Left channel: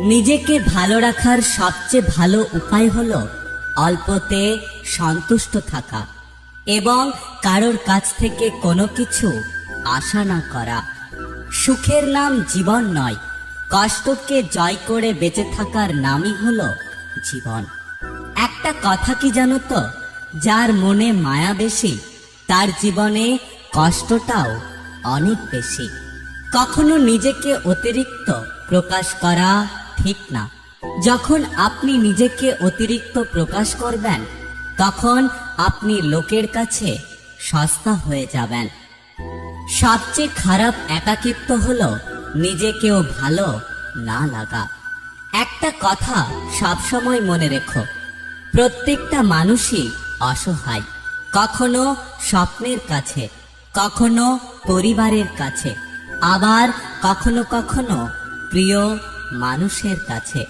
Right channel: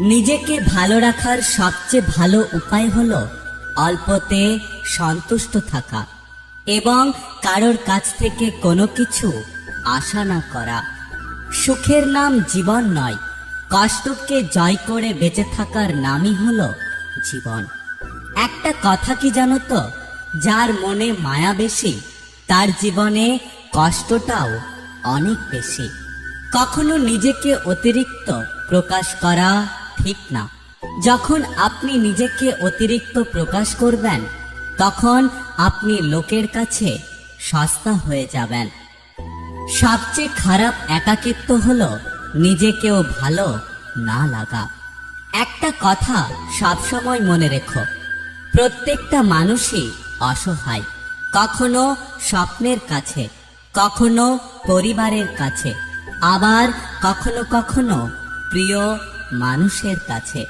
নিজেকে ভালো রাখার সবচেয়ে ভালো উপায় হল অল্পতে সন্তুষ্ট থাকা এবং কারোর কাছ থেকে কোনো কিছু আশা না করা। সুখের নাম জীবন নয়, কষ্টকে জয় করে বেঁচে থাকার নামই হল জীবন। একটা কথা কি জানো তো? যার মনে মায়া বেশি, তার জীবনে কষ্টটাও অনেক বেশি। কখনো নিজেকে অতিরিক্ত প্রকাশ করা ঠিক না। যখন আপনি নিজেকে অতিরিক্ত প্রকাশ করবেন, তখন আপনি লোকের কাছে সস্তা হয়ে যাবেন। সবচেয়ে খারাপ একাকিত্ব হলো নিজেকেও ভালো না লাগা। একটা কথা সবসময় মনে রেখো, প্রত্যেকটা মানুষই অসহায়, কখনো স্বপ্নের কাছে, কখনো পরিবারের কাছে, আবার কখনো কখনো প্রিয় মানুষের কাছে।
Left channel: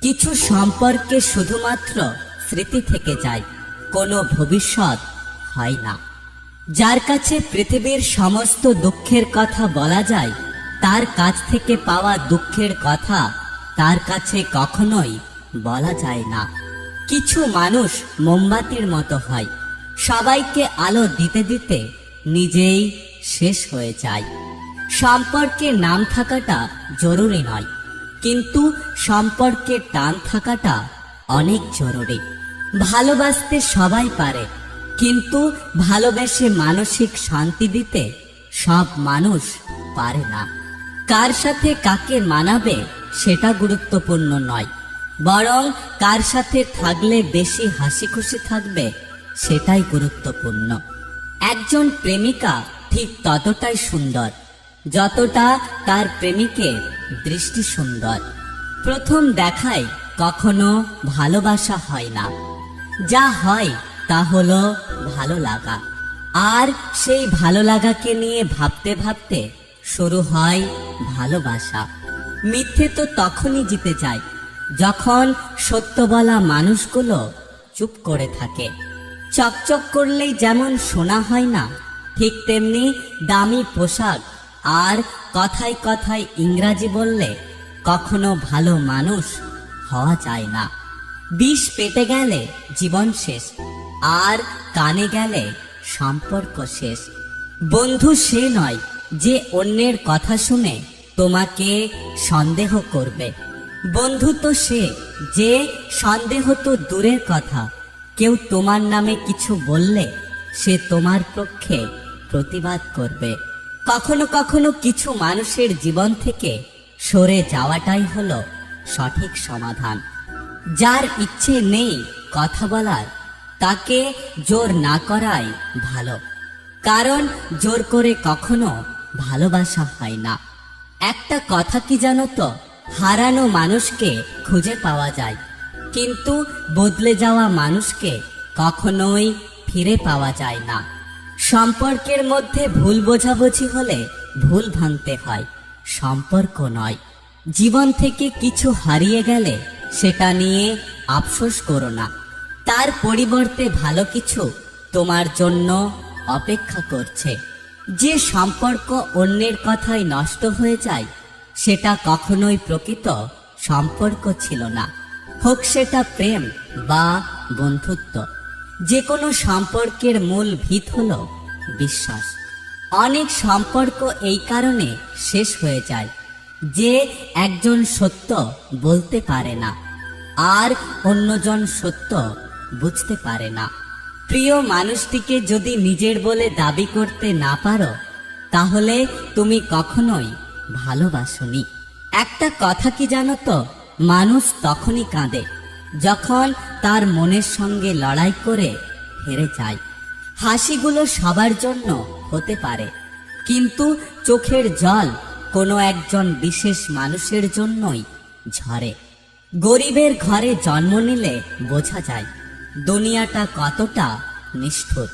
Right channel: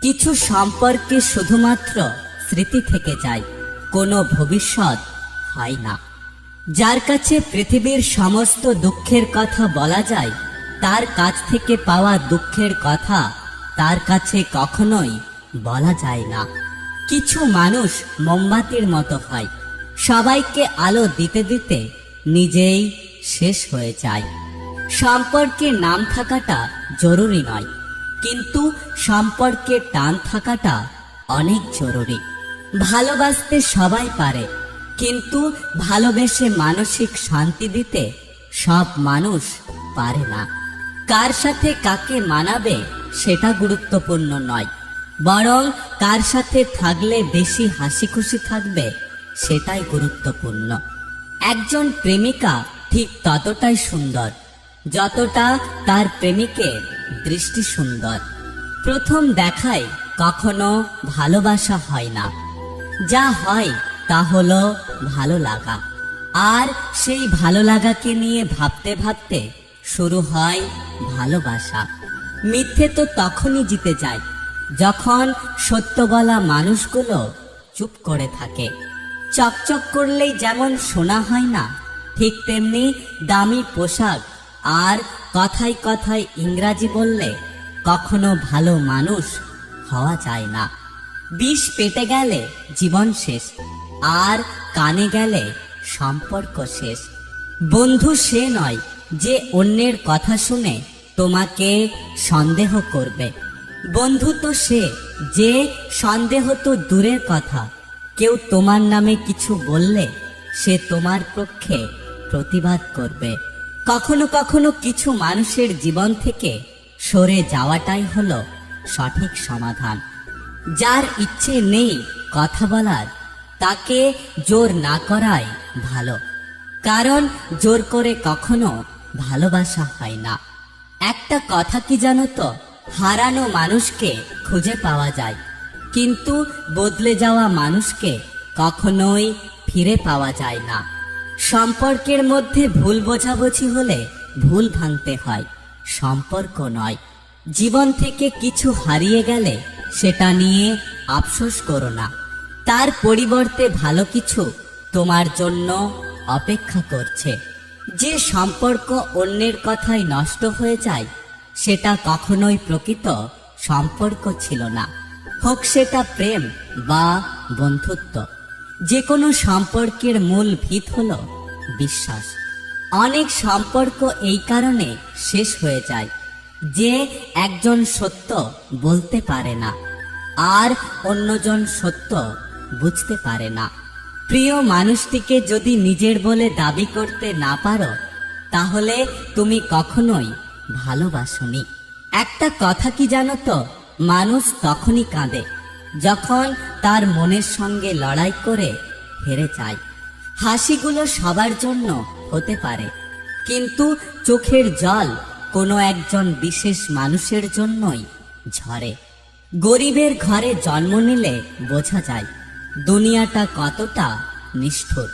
কিছু সম্পর্কে শুধুমাত্র স্মৃতি থেকে যায়, কোনো ভবিষ্যৎ হয় না। যার কাছে পৃথিবীর সমস্ত দুঃখের কথা বলা যায়, তার কাছ থেকে পাওয়া দুঃখের কথা তার কাছে কখনোই বলা যায় না। কিছু মানুষ মোমবাতির মতো হয়, সবাইকে আলো দিতে দিতে নিজেই শেষ হয়ে যায়। সম্পর্কে নাম থাকাটা জরুরি নয়। কিন্তু সম্পর্কে টান থাকাটা অনেক জরুরি। ভালোবাসতে সবাই পারে, কিন্তু ভালোবেসে মানসিক শান্তি দিতে সব মানুষ পারে না। কার সাথে কাকে মানাবে সেটা গুরুত্বপূর্ণ নয়, বরং কার সাথে থাকলে বেশি হাসি খুশি থাকবে সেটাই গুরুত্বপূর্ণ। একজন প্রেমিকা ঠিক ততটাই সুন্দর যতটা তার প্রেমিকের দৃষ্টি সুন্দর। প্রথম দেখায় কখনো ভালোবাসা হয় না। যা হয় তা হলো ভালো লাগা। আর সেই ভালো লাগাকে নিয়ে ভাবতে ভাবতে শুরু হয় ভালোবাসা। মিথ্যে তো তখনই জিতে যায়, যখন সত্য বলা মানুষগুলো চুপ করে থাকে। চকচক করলেই যেমন শোনা হয় না, ঠিক তেমনি দামি পোশাক আর কথায় কথায় ইংরাজি বললে কখনো ভালো মানুষ হওয়া যায় না। বিষ পেটে গেলে জীবন শেষ, আর কানে গেলে সম্পর্ক শেষ। বন্ধু সে নয় যে অন্যের কথা শুনে তোমাকে সন্দেহ করবে। বন্ধু তো সে যে সন্দেহ তো দূরের কথা। কেউ তোমার নামে কিছু বললে সে তোমার পক্ষে প্রতিবাদ করবে। কখনো কখনো কিছু মানুষের জীবন থেকে সরে যাওয়াটাই হলো সঠিক সমাধান। যার ইচ্ছে নেই কথা বলার, তাকে জোর না করাই ভালো। কারণ জোর করে কখনো ভালোবাসা হয় না। একটা কথা কি জানো তো? হারানো মানুষকে খুঁজে পাওয়া যায়। কিন্তু বদলে যাওয়া মানুষকে কখনোই ফিরে পাওয়া যায় না। সম্পর্কের মধ্যে ভুল বোঝাবুঝি হলে ভুল ভাঙতে হয়। সম্পর্ক নয়। জীবন থেকে কিছু হারিয়ে গেলে সেটা নিয়ে আফসোস করো না। তার পরিবর্তে ভালো কিছু তোমার জন্য অপেক্ষা করছে। যে সম্পর্ক অন্যের কথায় নষ্ট হয়ে যায়, সেটা কখনোই প্রকৃত সম্পর্ক ছিল না। হোক সেটা প্রেম বা বন্ধুত্ব। যে কোনো সম্পর্কের মূল ভিত হলো বিশ্বাস। অনেক সম্পর্ক এই কারণে শেষ হয়ে যায় যে একজন সত্য বলতে পারে না আর অন্যজন সত্য বুঝতে পারে না। প্রিয় মানুষটিকে যদি নিজের বলে দাবি করতে না পারো, তাহলে তুমি কখনোই ভালোবাসনি। একটা কথা কি জানো তো? মানুষ তখনই কাঁদে। যখন তার মনের সঙ্গে লড়াই করে হেরে যায়। হাসিগুলো সবার জন্য হতে পারে, কিন্তু চোখের জল কোনো একজন বিশেষ মানুষের জন্যই ঝরে। গরিবের ঘরে জন্ম নিলে বোঝা যায়, দুনিয়াটা কতটা নিষ্ঠুর।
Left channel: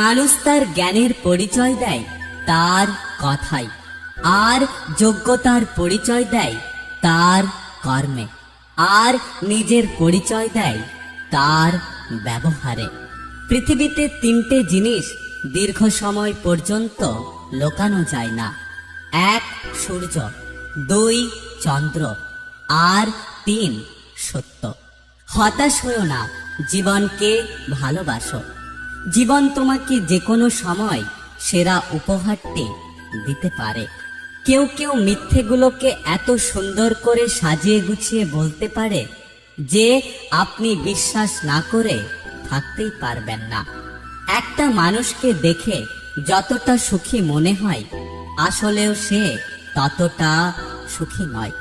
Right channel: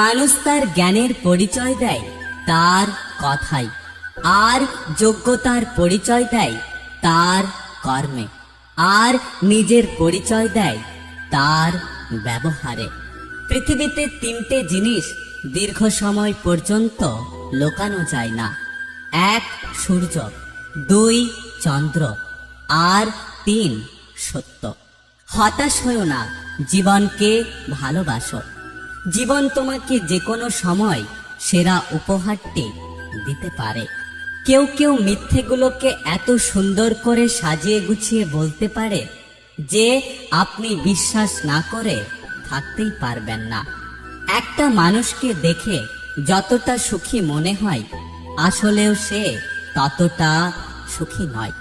মানুষ তার জ্ঞানের পরিচয় দেয় তার কথায় আর যোগ্যতার পরিচয় দেয় তার কর্মে। আর নিজের পরিচয় দেয় তার ব্যবহারে। পৃথিবীতে তিনটে জিনিস দীর্ঘ সময় পর্যন্ত লোকানো যায় না। এক, সূর্য, দুই, চন্দ্র, আর তিন, সত্য। হতাশ হয়েও না, জীবনকে ভালোবাসো। জীবন তোমাকে যে কোনো সময় সেরা উপহারটি দিতে পারে। কেউ কেউ মিথ্যেগুলোকে এত সুন্দর করে সাজিয়ে গুছিয়ে বলতে পারে যে আপনি বিশ্বাস না করে থাকতেই পারবেন না। একটা মানুষকে দেখে যতটা সুখী মনে হয়, আসলেও সে ততটা সুখী নয়।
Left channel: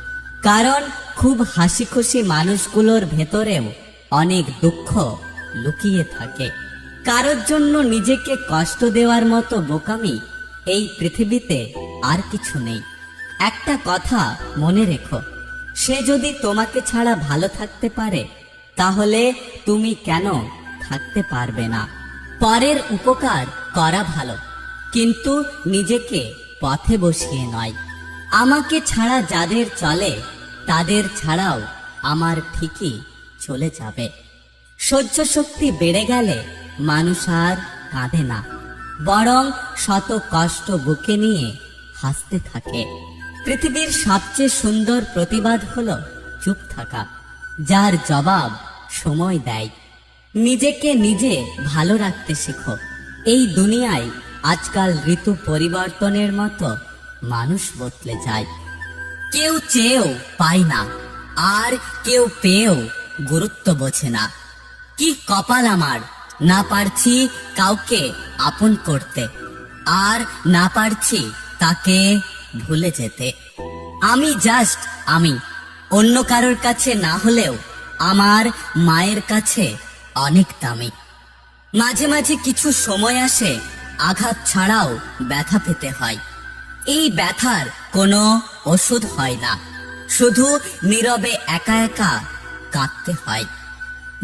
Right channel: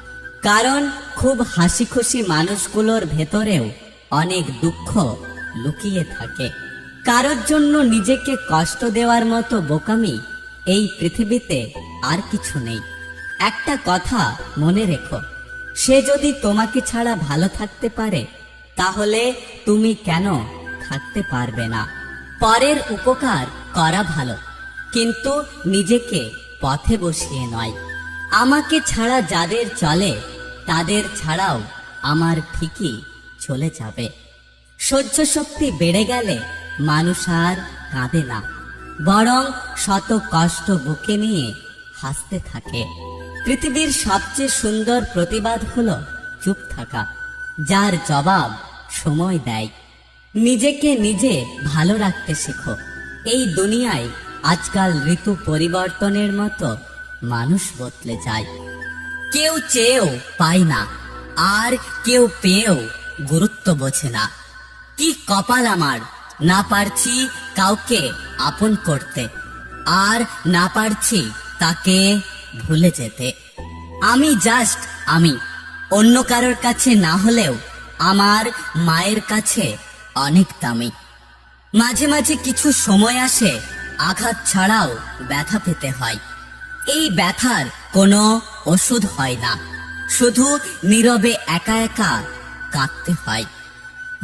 কারণ খুব হাসি খুশি মানুষগুলোর ভেতরেও অনেক দুঃখ লুকিয়ে থাকে। কারোর জন্য নিজেকে কষ্ট দেওয়ার মতো বোকামি এই পৃথিবীতে আর কিছু নেই। একটা কথা মনে রেখো, সে যদি তোমাকে ছাড়া ভালো থাকতে পারে, তাহলে তুমি কেন থাকতে পারবে না? পরের উপকার করা ভালো, কিন্তু নিজেকে পথে বসিয়ে নয়। আমাকে ছাড়া যাদের চলে, তাদের ছাড়াও আমার ঠিকই চলে যাবে। সহ্য শক্তি বেড়ে গেলে মানুষ আর কাঁদে না। বরং শত কষ্ট বুকে নিয়ে হাসতে থাকে। পৃথিবীর সবচেয়ে সুন্দর প্রতিবাদ হলো চুপ থাকা, যার জবাব সময় দেয়। নিজেকে নিজে ভালো রাখতে শেখো। এই দুনিয়ায় আজকাল ঋতু পরিবর্তনের মতো মানুষ বদলে যায়। কেউ চেয়েও পায় না, আর কেউ পেয়েও গুরুত্ব বোঝে না। কি কপাল আমার না পারছি কাউকে আপন করতে, আর না পারছি তাকে ভুলে যেতে। আমি জাস্ট আমি। অন্য কারোর কাছে না হলেও আমার মায়ের কাছে অনেক দামি। মাঝে মাঝে কিছু সময় আসে আঘাত ছাড়াও ব্যথা পেতে হয়। এই ব্যথার কোনো ওষুধ হয় না। শুধু নীরবে একা একা কাঁদতে হয়।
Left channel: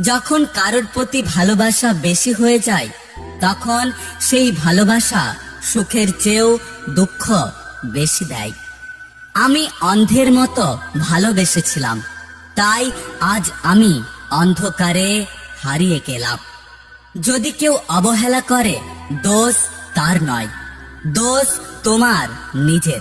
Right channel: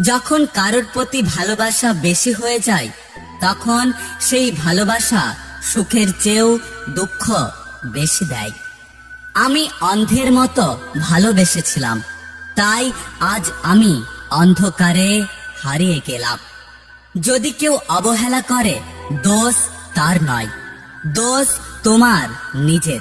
যখন কারোর প্রতি ভালোবাসা বেশি হয়ে যায়, তখন সেই ভালোবাসা সুখের চেয়েও দুঃখ বেশি দেয়। আমি অন্ধের মতো ভালোবেসেছিলাম, তাই আজ আমি অন্ধকারে হারিয়ে গেলাম। যদি কেউ অবহেলা করে, দোষ তার নয়, দোষ তোমার নিজের।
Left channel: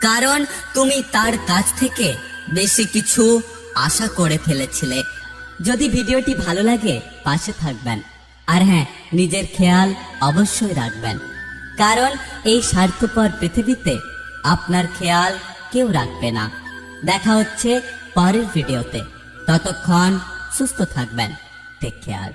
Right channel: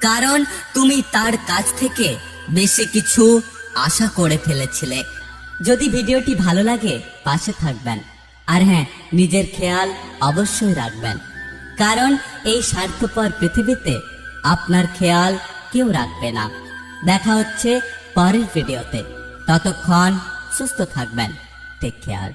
কারণ তুমি তার কাছ থেকে বেশি কিছু আশা করে ফেলেছিলে। যদি ভিডিওটি ভালো লাগে, পাশে থাকবেন। আর হ্যাঁ নিজের খেয়াল অবশ্যই রাখবেন। কারণ এই স্বার্থপর পৃথিবীতে আপনার খেয়াল কেউ রাখবে না। দেখা হচ্ছে পরের ভিডিওতে। ততক্ষণ সুস্থ থাকবেন। Take care